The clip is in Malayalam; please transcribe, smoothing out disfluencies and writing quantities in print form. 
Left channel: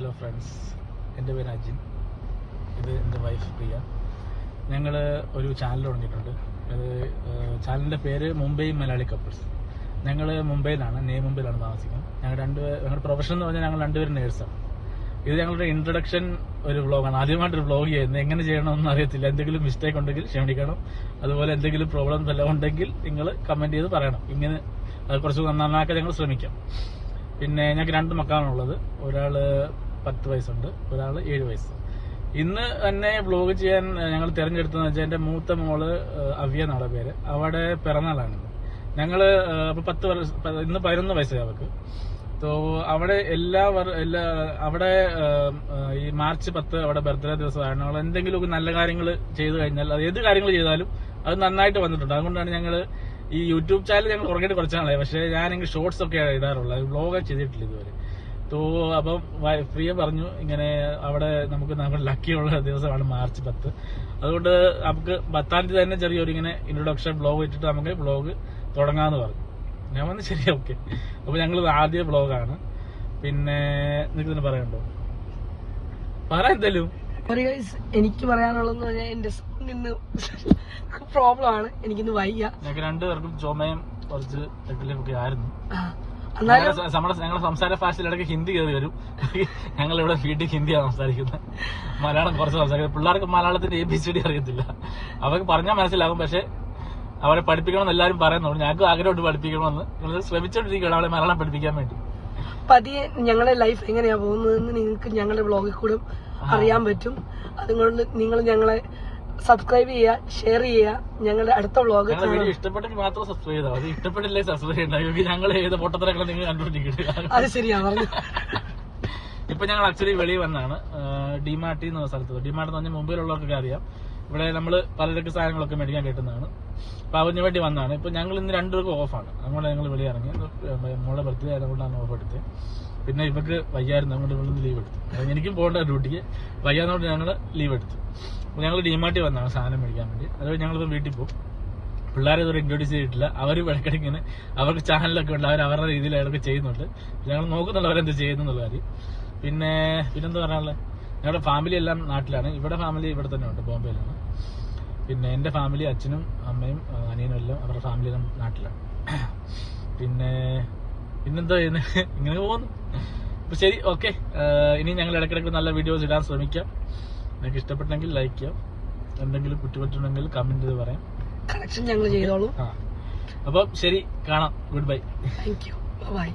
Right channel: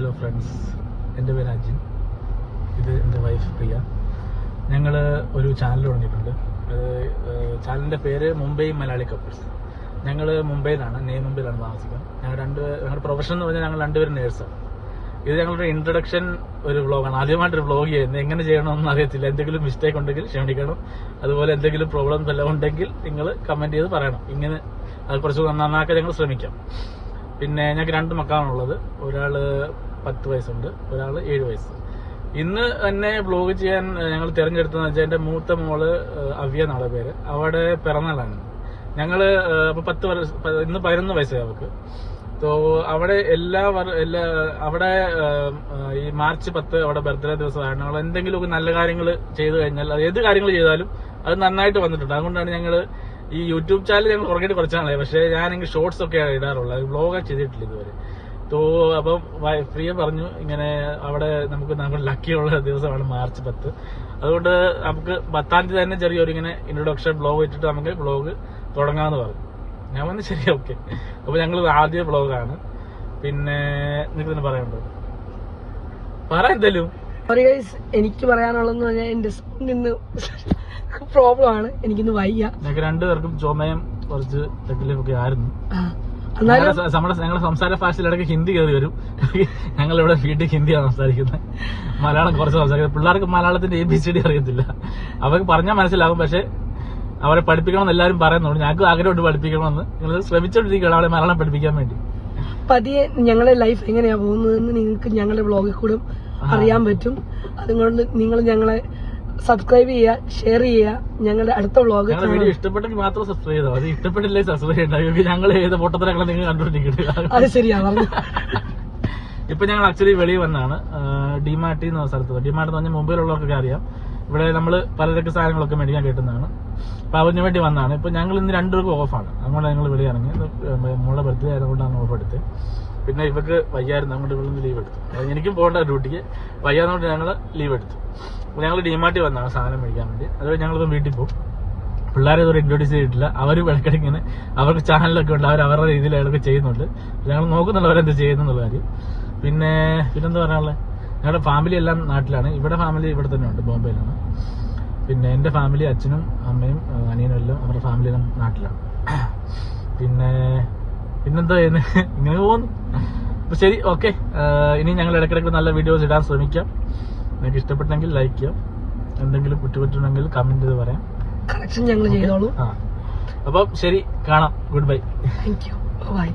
ഹലോ ഫ്രണ്ട്സ്, എൻ്റെ പേര് അജിൻ. ഇത് എൻ്റെ വൈഫ് പ്രിയ. ഞങ്ങൾ ഒരു ചാനൽ തുടങ്ങിയിട്ടുണ്ട്. അത് ചാനലിൻ്റെ പേര് മുംബൈ മലയാളി കപ്പിൾസ്. ഞങ്ങൾ മുംബൈയിലാണ്, മുംബൈയിലാണ് താമസിക്കുന്നത്. ഞങ്ങളുടെ പ്രൊഫഷൻ എന്ന് പറഞ്ഞാൽ ഞങ്ങൾ രണ്ടുപേരും നേഴ്സാണ്. ഇത് ഞങ്ങളുടെ ഇൻട്രൊഡക്ഷൻ ഒരു വ്ളോഗാണ്. ആദ്യമായിട്ടൊരു വ്ളോഗ് ചെയ്യുന്നത്. എങ്ങനെ ചെയ്യണമെന്ന് അറിയത്തില്ല. എന്തെങ്കിലും മിസ്റ്റേക്ക് ഉണ്ടെങ്കിൽ ക്ഷമിക്കണം. അതുപോലെ എന്തെങ്കിലും പ്രോബ്ലംസ് എല്ലാം ഉണ്ടെങ്കിൽ നിങ്ങൾ കമന്റ് ചെയ്ത് പറയണം. ഇങ്ങനെ അത് കുറച്ച് നന്നാക്കാൻ ഞങ്ങൾ ശ്രമിക്കാം. പിന്നെ ഞങ്ങൾക്ക് 2 മക്കളാണുള്ളത്. ഒരാള് 10 വയസ്സുണ്ട്, ഒരാള് 7 വയസ്സ്. ഇന്ന് തന്നെ വ്ളോഗ് ചെയ്യാൻ ഞങ്ങൾ തിരഞ്ഞെടുത്തതെന്ന് വെച്ചാൽ എൻ്റെ മൂത്ത മോള് അവ്യ എന്നാണ് പേര്. അവിടെ പിറന്നാളാണ്. ഞങ്ങള് ഇന്ന് 11 വയസ്സായി അവർക്ക്. അവിടെ അവിടെ ഈ മാർച്ച് 10 അവിടെ ബർത്ത്ഡേ ദിവസമാണ്. ഞങ്ങൾ എന്തെങ്കിലുമൊക്കെ നല്ല കാര്യങ്ങൾ ചെയ്തു കഴിഞ്ഞാൽ, അത് ഏത് കാര്യങ്ങൾ ചെയ്താലും അത് നന്നായിട്ട് വന്നിട്ടുണ്ട്. അതുകൊണ്ടാണ് ഞങ്ങൾ ഈ യൂട്യൂബ് ചാനൽ ഞങ്ങൾ ഉറങ്ങിയിട്ട് കുറച്ചാണ്. പക്ഷേ ഞാനെങ്കിൽ ഷോർട്സ് ഒക്കെ ഇടാറുള്ളത്, വ്ളോഗ് ചെയ്തിട്ടില്ല ഇതുവരെ. അപ്പം പ്രിയ പറഞ്ഞു ഇങ്ങനെ അവിടെ നമുക്ക് ലക്കിയുള്ള ദിവസമാണ് മാർച്ച് 10. അതുകൊണ്ട് നമുക്ക് 10-ാം തീയതി തന്നെ ചെറിയൊരു ഇങ്ങനെ ഇൻട്രൊഡക്ഷൻ വ്ളോഗ് ഇട്ടിട്ട് നമുക്ക് വ്ളോഗ് തുടങ്ങാമെന്ന് പറഞ്ഞു. ഞാൻ പറഞ്ഞു ശരി, ഓക്കെ. അപ്പൊ ഞങ്ങൾ ആദ്യ വ്ളോഗാണ്. പിന്നെ നിങ്ങൾക്ക് തന്നെ പറയണ്ടോ? പറ എന്തേലും. എനിക്ക് പറയാനുള്ളതെന്ന് പറഞ്ഞാൽ എന്റെ നിന്ന് പ്രോബ്ലം ആണ്. എനിക്കൊന്ന് വയ്യ. ഞങ്ങൾക്ക് 2 പേർക്കും ചുമയും കുറച്ച് തെക്കിലൊക്കെ ആയിരുന്നു. ഞങ്ങളുടെ സംസാര ഭാഷയിലിടയ്ക്ക് ഹിന്ദി കയറി വരും. ഞങ്ങളിവിടെ വീട്ടിൽ ഹിന്ദിയാണ് സംസാരിക്കുന്നത്, മലയാളം കുറച്ച് സംസാരിക്കുന്നത്. പിള്ളേർക്ക് മലയാളത്തിന്റെ ABCD അറിയത്തില്ല. അവർക്ക് പറഞ്ഞാൽ മനസ്സിലാവും, പക്ഷെ അവരെ പഠിപ്പിക്കണമെന്ന് എല്ലാവരും പറയുന്നുണ്ട്. ഞങ്ങൾക്ക് ആഗ്രഹമുണ്ട് പഠിപ്പിക്കണമെന്ന്. നിങ്ങൾ ശ്രമിച്ചോണ്ടിരിക്കുകയാണ് അവരെ മലയാളം പഠിപ്പിക്കാൻ വേണ്ടി. പതിയെ ഞങ്ങളുടെ ലൈഫ് എങ്ങനെയാ പോകുന്നതെന്ന് നിങ്ങൾക്ക് ഞങ്ങളുടെ വ്ളോഗിൽ കൂടെ അറിയാൻ പറ്റും. അതുകൊണ്ട് നിങ്ങൾ ഞങ്ങളെ സബ്സ്ക്രൈബ് ചെയ്യുക, ഷെയർ ചെയ്യുക. ഞങ്ങളുടെ അടുത്ത വ്ളോഗ് ഇഷ്ടപ്പെട്ടെങ്കിൽ മാത്രം സബ്സ്ക്രൈബ് ചെയ്താൽ മതി. ഇഷ്ടപ്പെട്ടില്ലേ സബ്സ്ക്രൈബ് ചെയ്യണ്ട. ഞങ്ങൾ ഏത് പൊട്ടത്തരങ്ങളെ നിങ്ങൾ കണ്ടുകൊണ്ടിരിക്കുന്നത്. അത് ശരിയാണ്. ഇപ്പൊ ഞങ്ങൾ ആക്ച്വലി വെളിയിൽ വന്നാണ്. ഡിമാർട്ടി എന്ന സ്ഥലത്ത്. ഡിമാർട്ട് എന്ന് പറഞ്ഞാൽ മുംബൈയിലുള്ളവർക്കൊക്കെ അറിയാം. ഇവിടെ നമ്മൾ പലചരക്ക് സാധനങ്ങളൊക്കെ മേടിക്കാൻ കിട്ടുന്നതാണ്. അപ്പൊ അതിന് വേണ്ടി വന്നതാണ്. ഇപ്പൊ ഞങ്ങൾ ഇന്ന് 2 പേർക്കും ഓഫാണ്. അതുകൊണ്ട് ഞങ്ങൾ വെളിയിറങ്ങി. മോളുടെ ബർത്ത്ഡേ ആയതുകൊണ്ടാണ് ഓഫ് എടുത്തത്. പിന്നെ ഇവർക്ക് വയ്യായിരുന്നു, അതുകൊണ്ട് ഇവിടെ ലീവ് എടുത്തു. എനിക്കും പോകേണ്ട ഡ്യൂട്ടിക്ക് വയ്യാതുകൊണ്ട് ഞങ്ങൾ ലീവ് എടുത്തു. അപ്പോൾ ഞങ്ങൾ ഡിമാർട്ടി വന്നാണ് സാധനം മേടിക്കാൻ വേണ്ടി. അത് ഞങ്ങളിപ്പോൾ വീട്ടിൽ പോകും. പിള്ളേരെ ഇതുവരെ ഇൻട്രോഡ്യൂസ് ചെയ്തിട്ടില്ല. അവർ ഇടയ്ക്കിടയ്ക്ക് ഇങ്ങനെ അവർക്ക് ചാനലൊക്കെ ഉണ്ട്, അവരുടെ രീതിയിൽ അതൊക്കെ ചെയ്യുന്നുണ്ട്. ഞങ്ങൾ നോക്കുന്നുണ്ട് അവരെന്ത് ചെയ്യുന്നുള്ള കാര്യം. പിന്നെന്താ പറയാനുള്ളത്, ഞങ്ങളുടെ ഫാമിലി എല്ലാം നാട്ടിലാണ്. ഇവിടെ ഫാമിലി ഇവിടെ തന്നെ ഉണ്ട്, ബോംബെയിലാണ്. പിന്നെ എൻ്റെ ഫാമിലി അച്ഛനും അമ്മയും അനിയനും എല്ലാം അവരുടെ ഫാമിലി എല്ലാം നാട്ടിലാണ്. പിന്നെന്താ ചെയ്യുന്നത്, ഇങ്ങനെ പോകുന്നു. അപ്പൊ ശരി, ഓക്കെ. ഇനി ഞങ്ങൾ ഇടയ്ക്കിടയ്ക്ക് നല്ല വീഡിയോസ് ഇടാൻ ശ്രമിക്കാം. നിങ്ങൾക്ക് ഇഷ്ടപ്പെട്ടെങ്കിൽ ലൈക്ക് ചെയ്യാം. എന്തെങ്കിലും കുറ്റപറ്റുണ്ടെങ്കിൽ കമന്റ് ചെയ്ത് പറയാം. ഞങ്ങൾ ചെയ്തോളൂ. അപ്പം ശരി, കാണാം. Good bye. Thank you. By.